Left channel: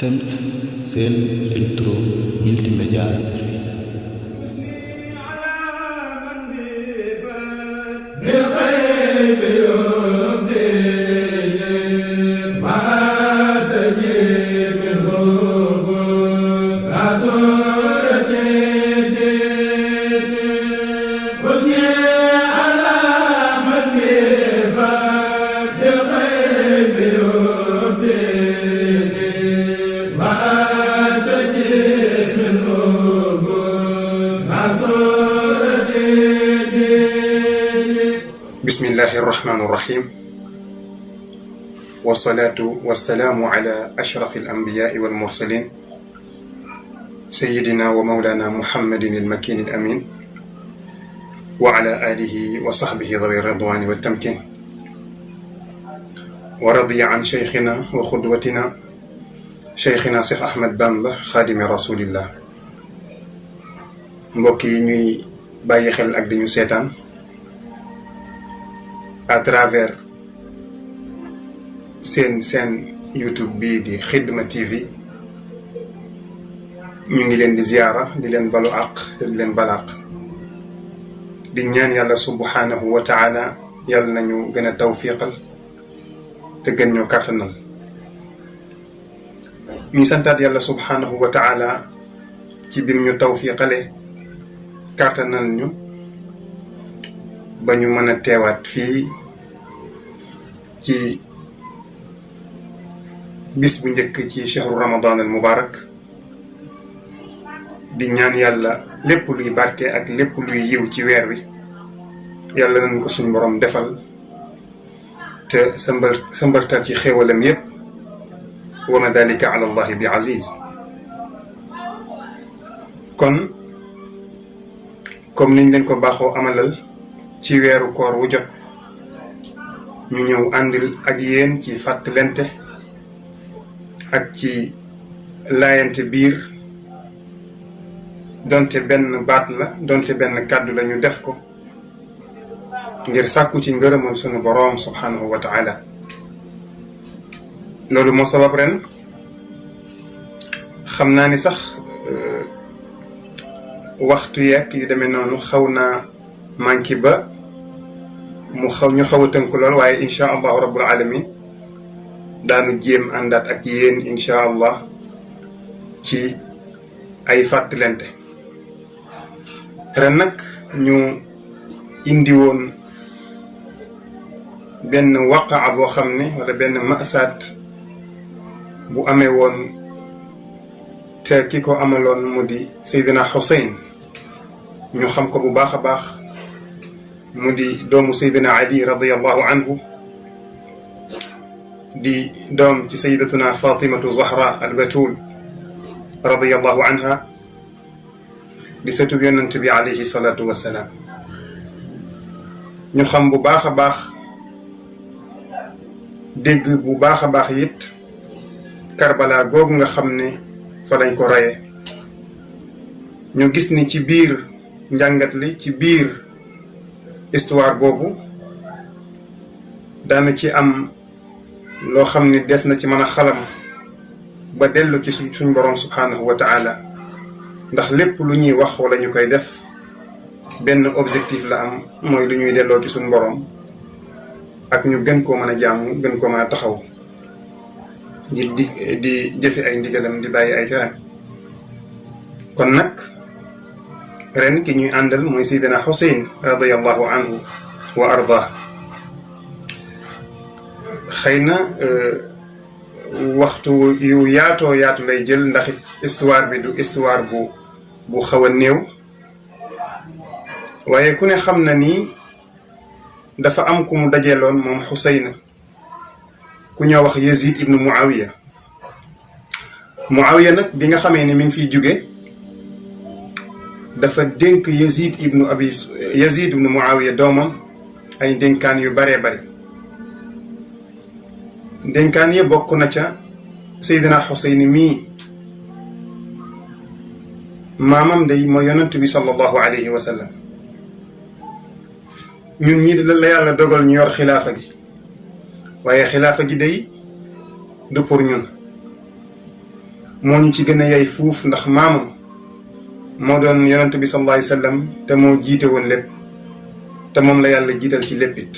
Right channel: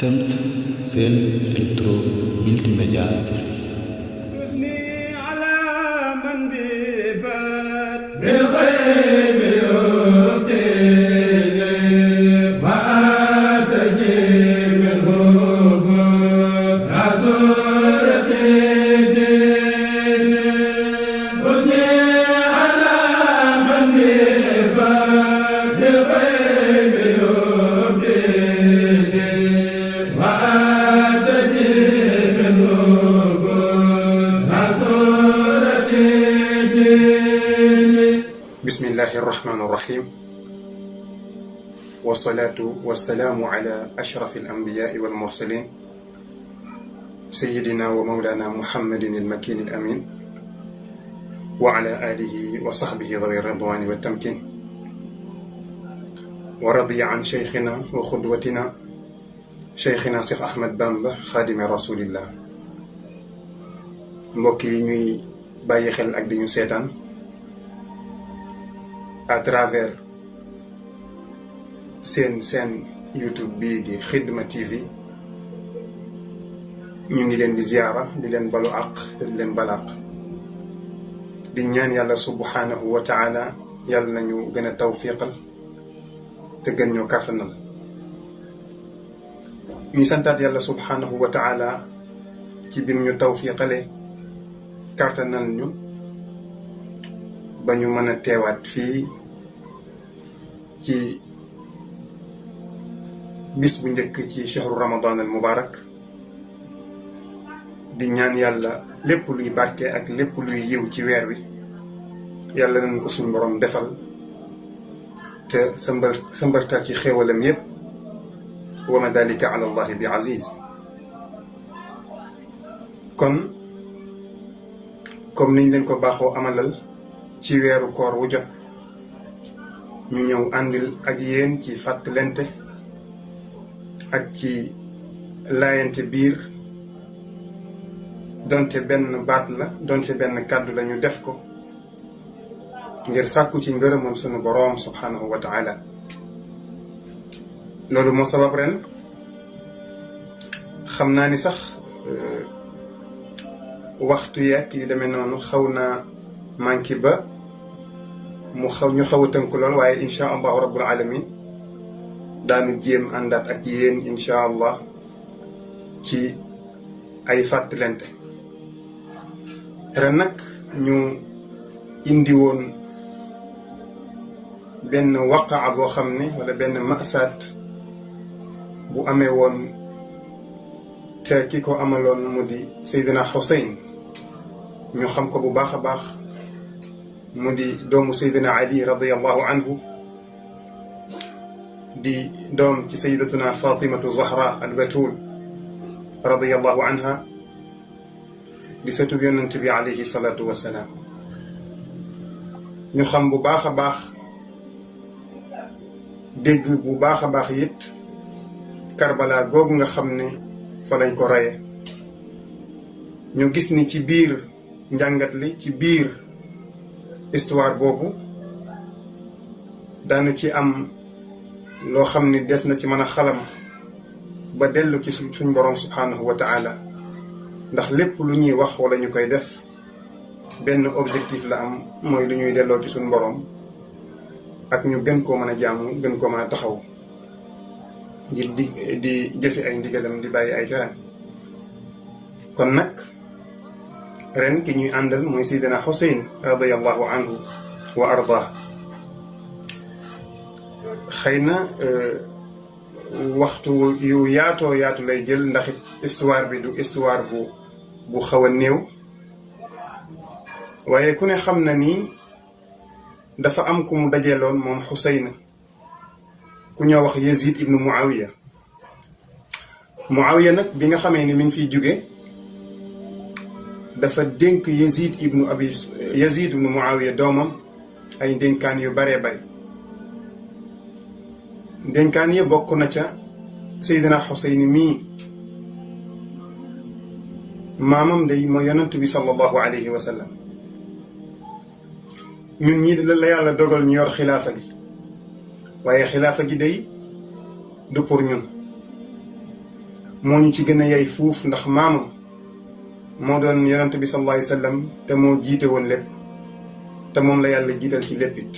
SEMS Sel Electro Multimédia Service. bismillahi irrahmani irrahim wasalaatu wasalaamu ala ashrafi alambiyaai walmursalin sayidina wa maulana muhammadin almakin alamin wa ala alihi wa sahbihi dawi ridwani waltamkin wa radiya an cheikhina wa xudwatina cheikhina Cheikh Ahmad Bamba xaadimi rasulillah. mbokk yi ñuy bàyyi xel ak dañu seetaan à travers seen YouTube bii di Xidma TV ñu ngi leen di ziyaara di leen balu àq te di leen balaq di ñaan yàlla subhanahu wa taala yàlla nañu gën a tawfiqal te gën ñoo kàttanal. ñu santaat yàlla subhanahu wa taala ci bim ñu tawfiqale kàttanal ñu ba ñu mën a teewaat fii ci bis bu njëkk ci shahru ramadan al mubarak di ñaan yàlla lépp luy barke ak lépp luy yiw ci weer wi yàlla nañ ko suñu borom defal te sa mbartal ci xéewalam yépp wa ma dalika ala allahi bi aziz. kon comme niñ leen ko baaxoo amalal ci weeru koor wu jot ñu ñëw àndil ak yéen ci fàttalente ak ci laayante biir donte benn baat la donte benn kàddu la ñu def ko ngir sàkku ci ngërëmal sunu boroom subhanahu wa taala. loolu moo sabab ren xam naa ni sax waxtu yeeg yu demee noonu xaw naa manqué ba ñu xaw a tënk lool, waaye incha allahu rabbul alamin daanu jéem àndaat ak yéen incha allah ci ay fàttalente. ren nag ñu indi woon benn waqaa boo xam ne wala benn masaat bu amee woon te ki ko amaloon mu di Seydina Xuseyn. ñu xam ko bu baax a baax mu di doomu Seydina Ali radiyallahu anhu di doom ci sayyidatuna Fatimatu Zahra al-Batul radiyallahu anha di sëtub yonent bi alayhi salaatu wassalaam. ñu xam bu baax a baax dégg bu baax a baax it Karbala googu nga xam ne fa lañ ko reye. ñu gis ni ci biir njàngat li ci biir histoire boobu daanu ci am loo xam ne des na ci mën a xalam ba dellu ci suñ boroom subhanahu wa taala, ndax lépp lu ñuy wax wala ñu koy def benn objectif la am, mooy lu ñuy delloo ci suñ boroom ak ñu gën koo mën a jaamu gën koo mën a taxaw ngir di jëfe ay ndigalam di bàyyi ay tere. kon nag ren ki ñuy àndal mooy Seydina Xuseyn radiyallahu anhu wa arda. xëy na waxtu yu yaatoo yaatu lay jël, ndax it histoire bi du histoire bu xaw a néew, waaye ku ne xam na ni dafa am ku mu dajeeloon moom Xuseyn ku ñoo wax Yazid ibnu Muawiya. Muawiya nag bi nga xamee ne mi ngi fiy jóge dafa dénk Yazid ibnu Muawiya doomam ay dénkaan yu baree bare. dénkaan yi bokk na ca Seydina Xuseyn mii maamam day mooy yonent bi sallallahu alayhi wa sallam. ñun ñii la yàlla dogal ñu yor xilaafa gi, waaye xilaafa gi day du pour ñun. moo ñu ci gën a yey fuuf ndax maamam moo doon yonent bi sallallahu alayhi wa sallam te moo jiite woon lépp te moom la yàlla jiital ci léppit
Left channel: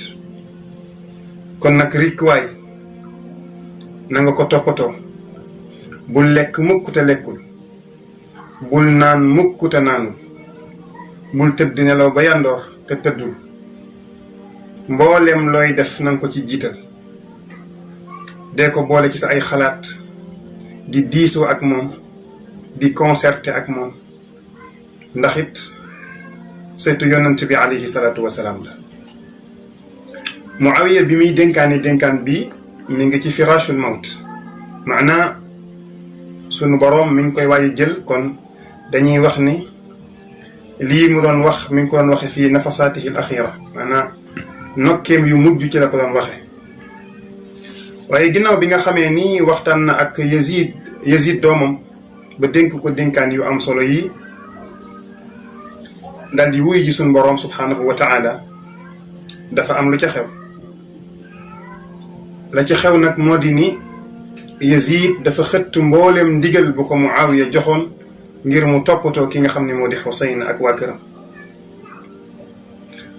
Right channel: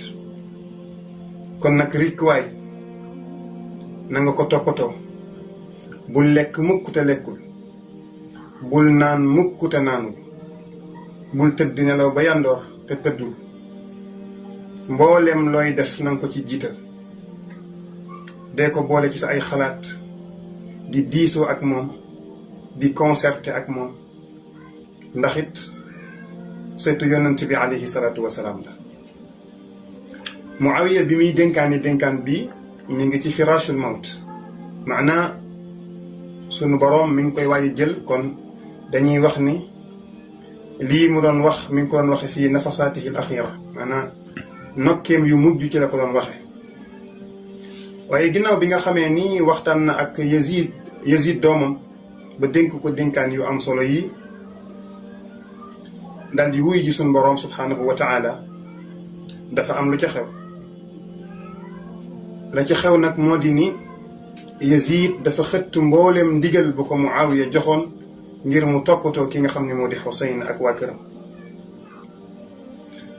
kon nag rikkuwaay na nga ko toppatoo bul lekk mukk te lekkul bul naan mukk te naanul bul tëdd nelaw ba yandoor te tëddul mbooleem looy def na nga ko ci jiital dee ko boole ci sa ay xalaat di diisoo ak moom di concerté ak moom ndax it seetu yonent bi alayhi salaatu wasalaam la Muawiya bi muy dénkaan bi mi ngi ci firashul mawt maanaa sunu boroom mi ngi koy waaj a jël kon dañuy wax ni lii mu doon wax mi ngi ko doon waxe fii nafasaatihi al axira maanaa nokkeem yu mujj ci la ko doon waxe waaye ginnaaw bi nga xamee ni waxtaan na ak Yazid doomam ba dénk ko dénkaan yu am solo yi dal di wuy ji sunu boroom subhaanahu wa taala dafa am lu ca xew la ci xew nag moo di ni Yazid dafa xëtt mboolem ndigal bu ko Muawiya joxoon ngir mu toppatoo ki nga xam ne moo di Xuseyn ak waa këram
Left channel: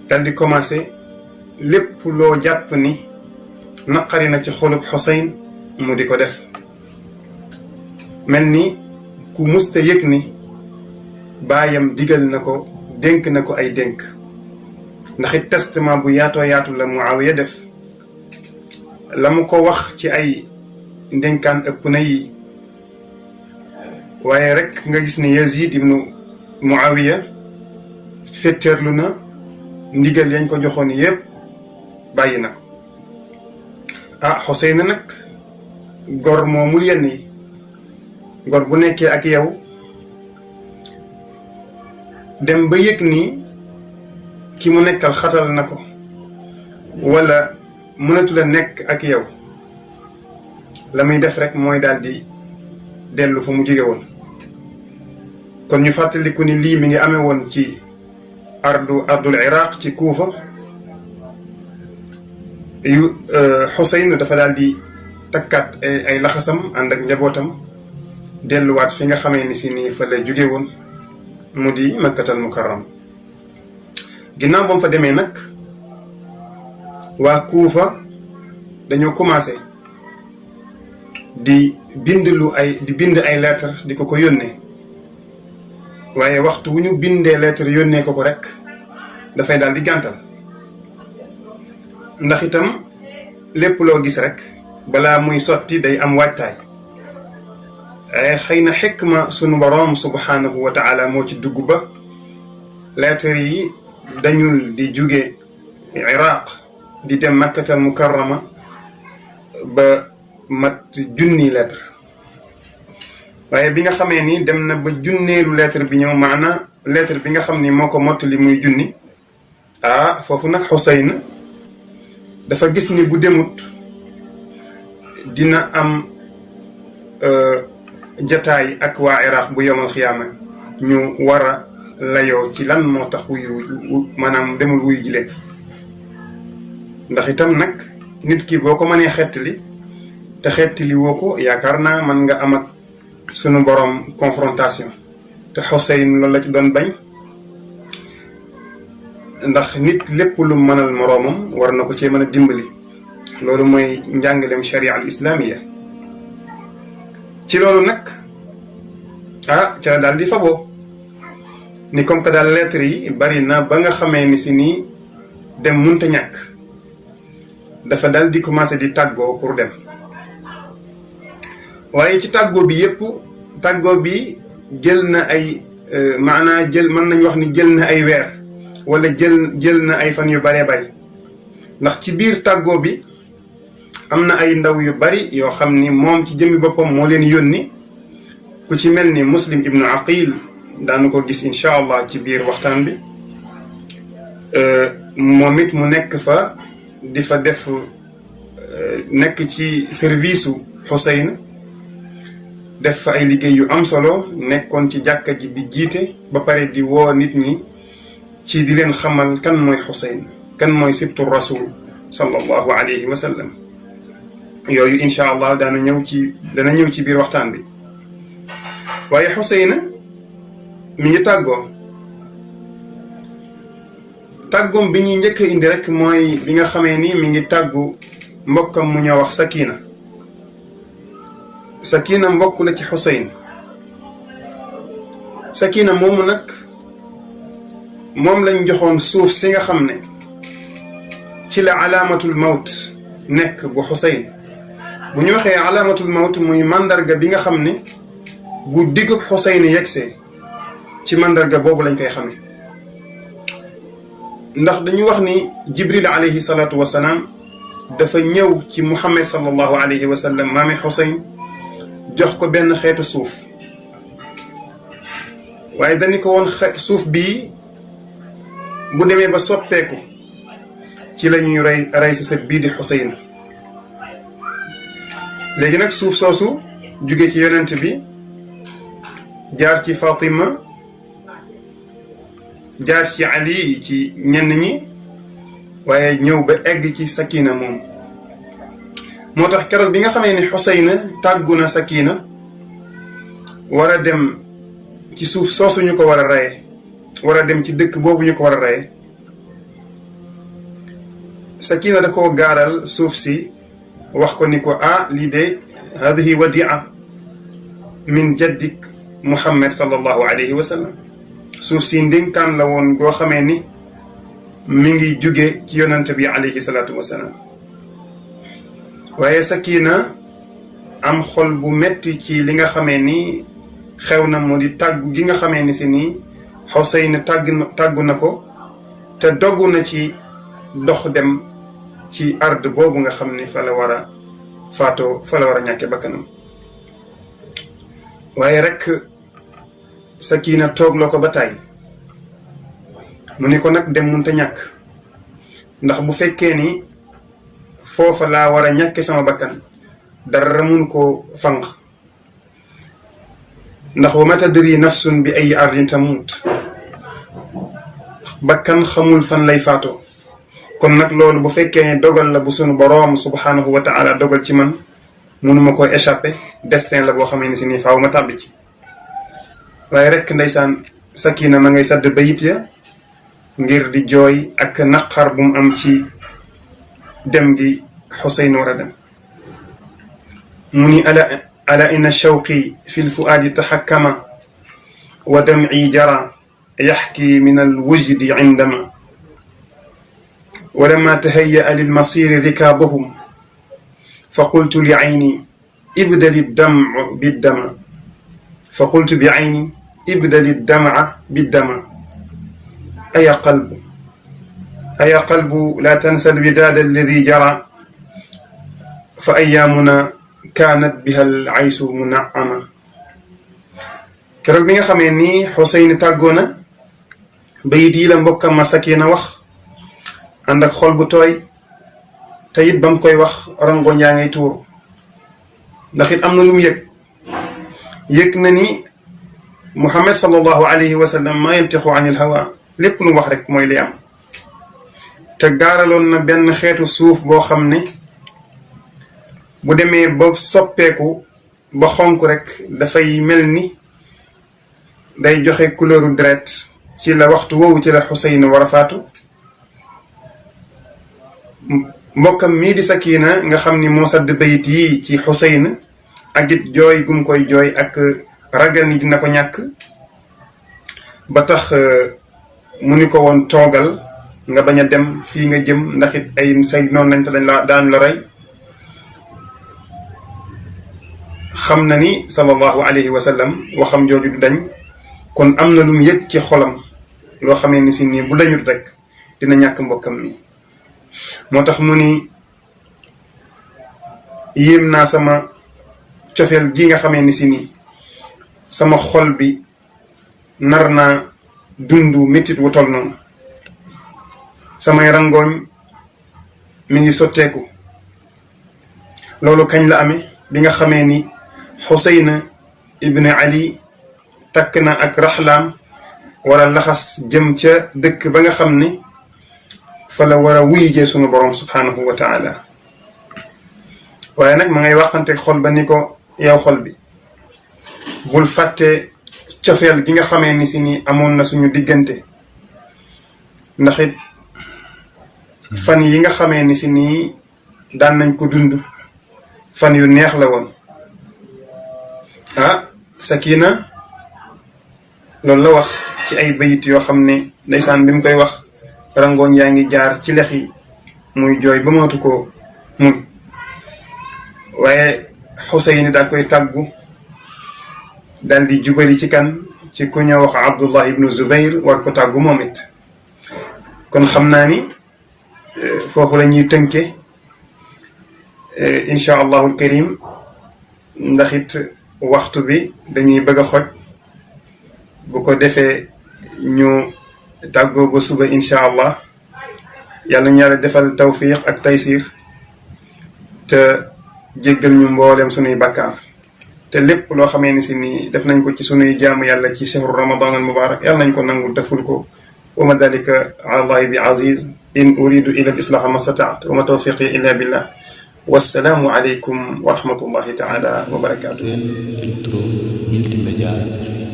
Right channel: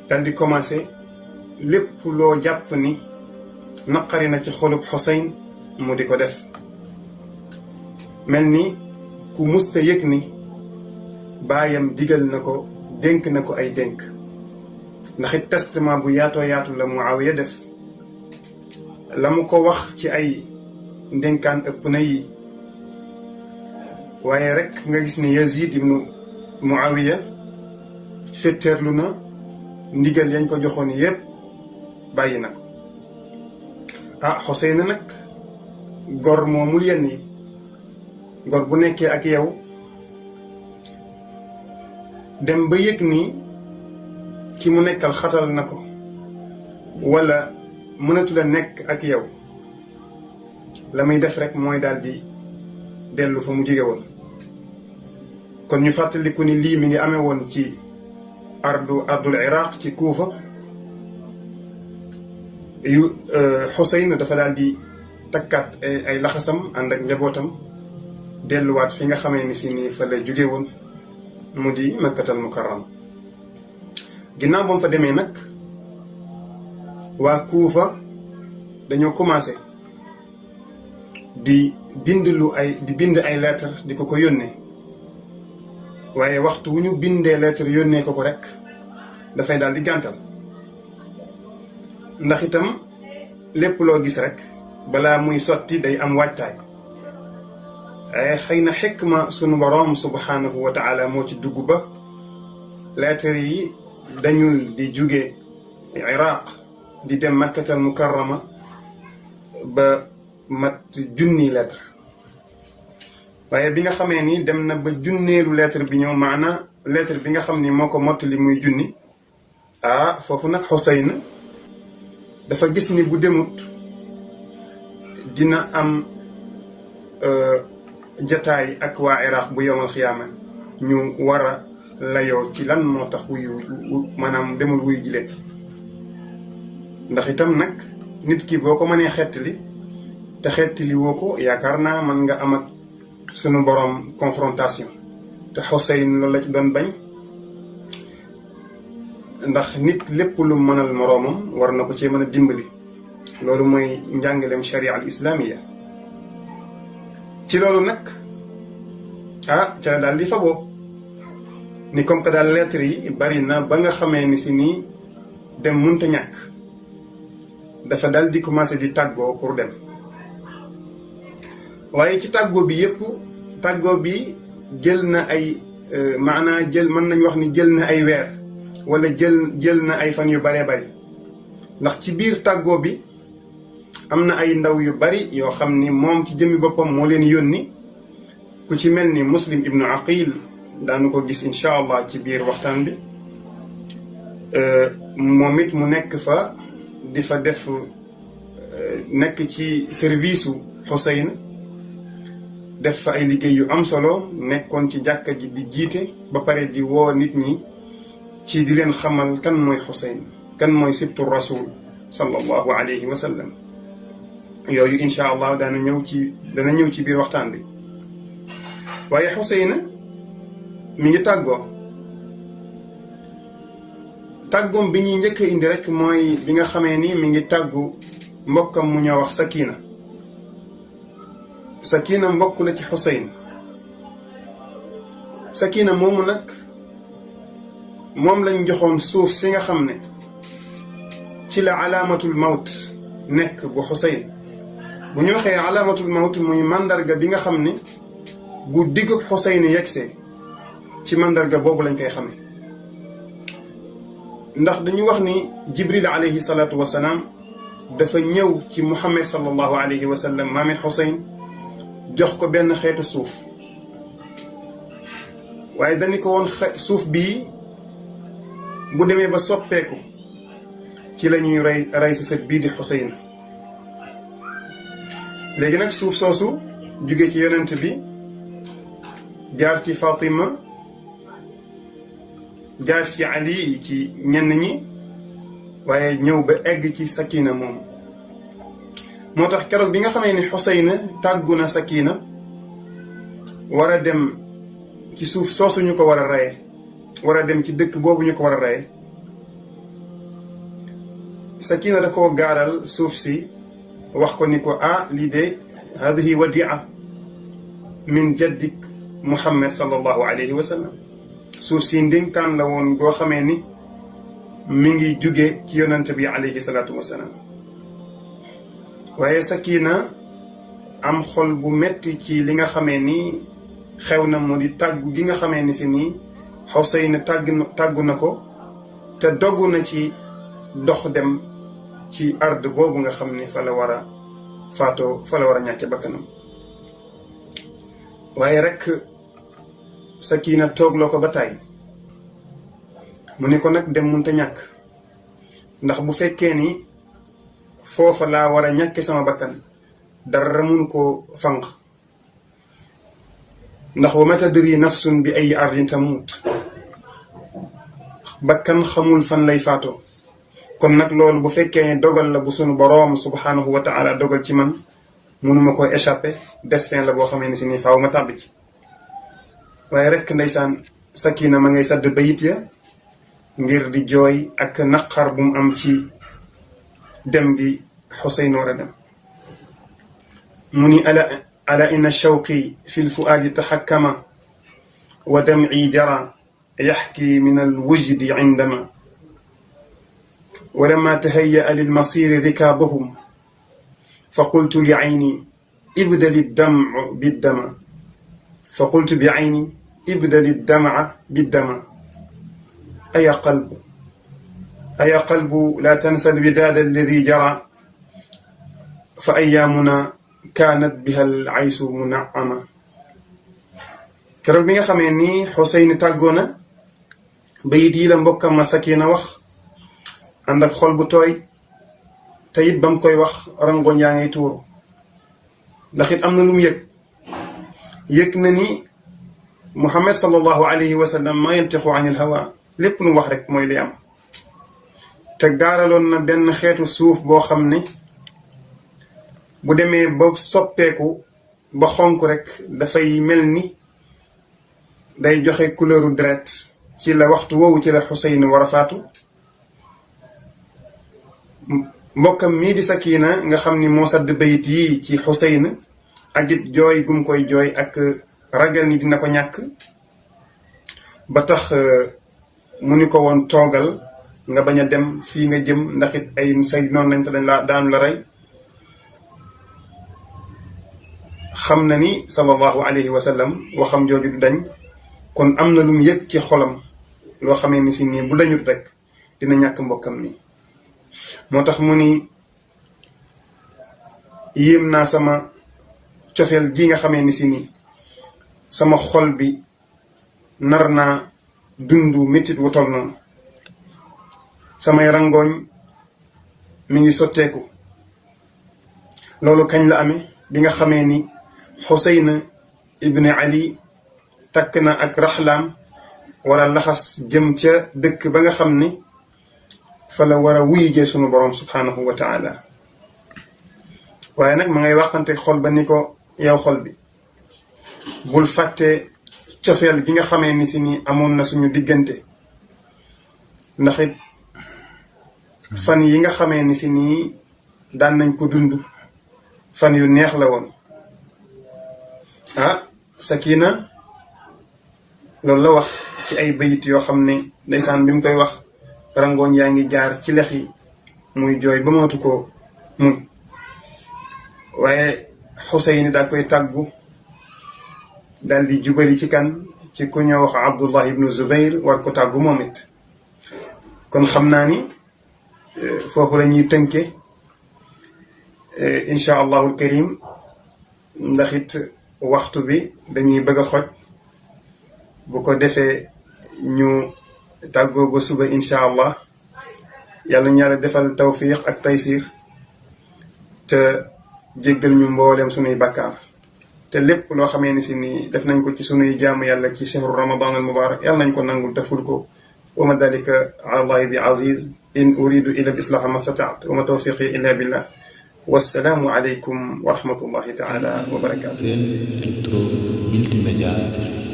dal di commencé lépp loo jàpp ni naqari na ci xolub Xuseyn mu di ko def mel ni ku musta yëg ni baayam digal na ko dénk na ko ay dénk ndax it testament bu yaatoo yaatu la Muawiya def la mu ko wax ci ay ndénkaan ëpp na yi waaye rek nga gis ne Yazid ibnu Muawiya fétteerlu na ndigal yañ ko joxoon yépp bàyyi na ko Xuseyn nag gor moomul yenn yi gor bu nekkee ak yow dem ba yëg ni ki mu nekkal xatal na ko wala mënatu la nekk ak yow la muy def rek mooy daal di dellu fa mu jóge woon kon ñu fàttaliku ni lii mi ngi amee woon ci ardul iraq ci Kuufa yu Xuseyn dafa daal di takkaat ay laxasam ànd ak njabootam delluwaat fi nga xamee ni si nii fa la jóge woon mu di Makkatal Mukarram ginnaaw ba mu fa demee nag waa Kuufa dañoo commencé di bind ay lettre di ko yónnee waaye waxtu wu ñu bindee lettre yónnee ko rek dafay daal di gàntal ndax itam lépp loo gis rek balaa muy sotti day am waajtaay waaye xëy na xikma sunu boroom subhanahu wa taala moo ci dugg ba lettre yi dañul di jóge Iraq di dem Makkatal Mukarrama ba mat junni lettre waaye bi nga xamee ni dem na ba junneelu lettre bi ñëw maana lettre bi nga xam ni moo ko mottali muy junni foofu nag Xuseyn dafa gis ni bu demut dina am jataay ak waa Iraq bu yowmal xiyaama ñu war a layoo ci lan moo tax maanaam demul wuyu ji leen ndax itam nag nit ki boo ko mënee xettali te xettali woo ko yaakaar naa man nga am ak sunu borom confrontation te Xuseyn loolu la ci doon bañ ndax nit lépp lu mënal moroomam war na ko cee mën a dimbali loolu mooy njàngaleem sharia al islamiya ci loolu nag ca la daal di faboo ni comme que daal lettre yi bari na ba nga xamee ni si nii dem munta ñàkk dafa daal di commencé di tàggoo pour dem waaye ci tàggoo bi yépp tàggoo bi jël na ay maanaa mën nañu wax ni jël na ay weer wala jël na ay fan yu baree bari ndax ci biir tàggoo bi am na ay ndaw yu bari yoo xam ni moom ci jëmmi boppam moo leen yónni ku ci mel ni Muslim ibnu Aqil daanu ko gis incha allah ci biir waxtaan bi moom it mu nekk fa di fa def nekk ci service u Xuseyn def fa ay liggéey yu am solo nekkoon ci jàkka ji di jiite ba pare di woo nit ñi ci di leen xamal kan mooy Xuseyn kan mooy sibtu rasul sallallahu alayhi wa sallam yooyu incha allah dana ñëw ci biir waxtaan bi waaye Xuseyna mi ngi tàggoom bi ñuy njëkk a indi rek mooy bi nga xamee ni mi ngi tàggu mbokkam mu ñoo wax Sakina mbokk la ci Xuseyn. Sakina moomu nag moom lañ joxoon suuf si nga xam ne ci la alaamatul mawt nekk bu Xuseyn. bu ñu waxee alaamatul mawt muy mandarga bi nga xam ne bu diggub Xuseyn yegsee ci mandarga boobu lañ koy xamee. ndax dañu wax ni Jibril alayhi salaatu wa salaam dafa ñëw ci Muhammad sallallahu alayhi wa sallam maami Xuseyn jox ko benn xeetu suuf. waaye dañu ko woon suuf bii bu demee ba soppeeku ci la ñuy rey si sët bii di Xuseyn. léegi nag suuf soosu jóge ci yonent bi jaar ci Fatima jaar ci Ali ci ñenn ñi waaye ñëw ba egg ci Sakina moom. moo tax keroog bi nga xamee ni Xuseyn tàggu na Sakina war a dem ci suuf soosu ñu ko war a reye war a dem ci dëkk boobu ñu ko war a reye Sakina da koo gaaral suuf si wax ko ni ko lii de hadihi wadia min jaddik Muhammad sallallahu alayhi wa sallam. suuf si ndénkaan la woon goo xamee ni mi ngi jóge ci yonent bi alayhi salaatu wa salaam. waaye Sakina am xol bu metti ci li nga xamee ni xew na moo di tàggu gi nga xamee ni si nii Xuseyn tàggu na ko te dogu na ci dox dem ci ard boobu nga xam ni fa la war a faatoo fa la war a ñàkke bakkanam. waaye rek Sakina toog la ko ba tàyyi mu ni ko nag dem munta ñàkk ndax bu fekkee ni foofa laa war a ñàkke sama bakkan dara mun koo fanq. ndax wa ma tadri nafsun bi ay ardin tamut bakkan xamul fan lay faatoo. kon nag loolu bu fekkee ne dogal la bu sunu boroom subhanahu wa taala dogal ci man munuma ko échappé destin la boo xamee ni si nii faaw ma tàbbi ci. waaye rek ndeysaan Sakina ma ngay sadd bayit ya ngir di jooy ak naqar bu mu am ci dem gi Xuseyn war a dem. mu ni ala inna shawqi fi lfuaadi taxakkama wa damci jara yaxki min alwujdi indama ولما تهيأ للمصير ركابهم فقلت لعيني ابدل الدمع بالدمع فقلت بعيني ابدل الدمع بالدمع أيا قلب لا تنسى الوداد الذي جرى فأيامنا كانت بها العيس منعما. keroog bi nga xamee ni Xuseyn tàggoo na bayit yi la mbokkam ma Sakina wax ànd ak xol bu tooy te it ba mu koy wax rangoñ yaa ngay tuuru ndax it am na lu mu yëg na ni Muhammad sallallahu alayhi wa sallam maa yantixu anil hawa lépp lu wax rek mooy li am. te gaaraloon na benn xeetu suuf boo xam ne bu demee ba soppeeku ba xonk rek dafay mel ni day joxe couleuru deret ci la waxtu woowu ci la Xuseyn war a faatu. mbokkam mii di Sakina nga xam ni moo sadd bayit yi ci Xuseyn ak it jooy gum koy jooy ak ragal ni dina ko ñàkk ba tax mu ni ko woon toogal nga bañ a dem fii nga jëm ndax it ay say noonu lañ te daan la rey. xam na ni sallallahu alayhi wa sallam waxam jooju du dañ kon am na lu mu yëg ci xolam loo xamee ni si nii bu dañut rek dina ñàkk mbokkam mi. moo tax mu ni yéem naa sama cofeel gi nga xamee ni si nii sama xol bi nar naa dundu métit wu tol noonu. samay rangooñ mi ngi sotteeku. loolu kañ la amee bi nga xamee ni Xuseyn ibn Ali takk na ak raxlaam wara laxas jëm ca dëkk ba nga xam ni fa la war a wuy jee sunu borom subhanahu wa taala. waaye nag ma ngay waxante xol ba ni ko yow xol bi bul fàtte cofeel gi nga xamee ni si ni amoon na suñu diggante ndax it fan yi nga xamee ni si nii daan nañ ko dund fan yu neex la woon Sakina loolu la wax ci ay bayit yoo xam ne ndeysaan bi mu koy wax rangoon yaa ngi jaar ci lex yi muy jooy ba mootu ko muñ waaye Xuseyn daal koy tàggu daal di jubali ci kan ci ku ñoo wax Abdullah ibnu Zubayr war ko tàggu moom it kon xam naa ni foofu la ñuy tënke incha allahul karim ndax it waxtu bi dañuy bëgg a xoj bu ko defee ñu tàggoo ba suba incha allah yàlla ñu yàlla defal tawfiq ak taysir te jéggal ñu mboolem sunuy bakkaar te lépp loo xamee ni si nii def nañ ko ci sunuy jaamu yàlla ci shahru ramadan al mubarak yàlla nañ ko nangul deful ko wa ma dalika ala allahi bi aziz in uridu ila al islaha ma stataat wa ma tawfiqi illa billah wassalaamu aleykum wa rahmatullahi taala wa barakatuh. Sen Electro Multimedia Service.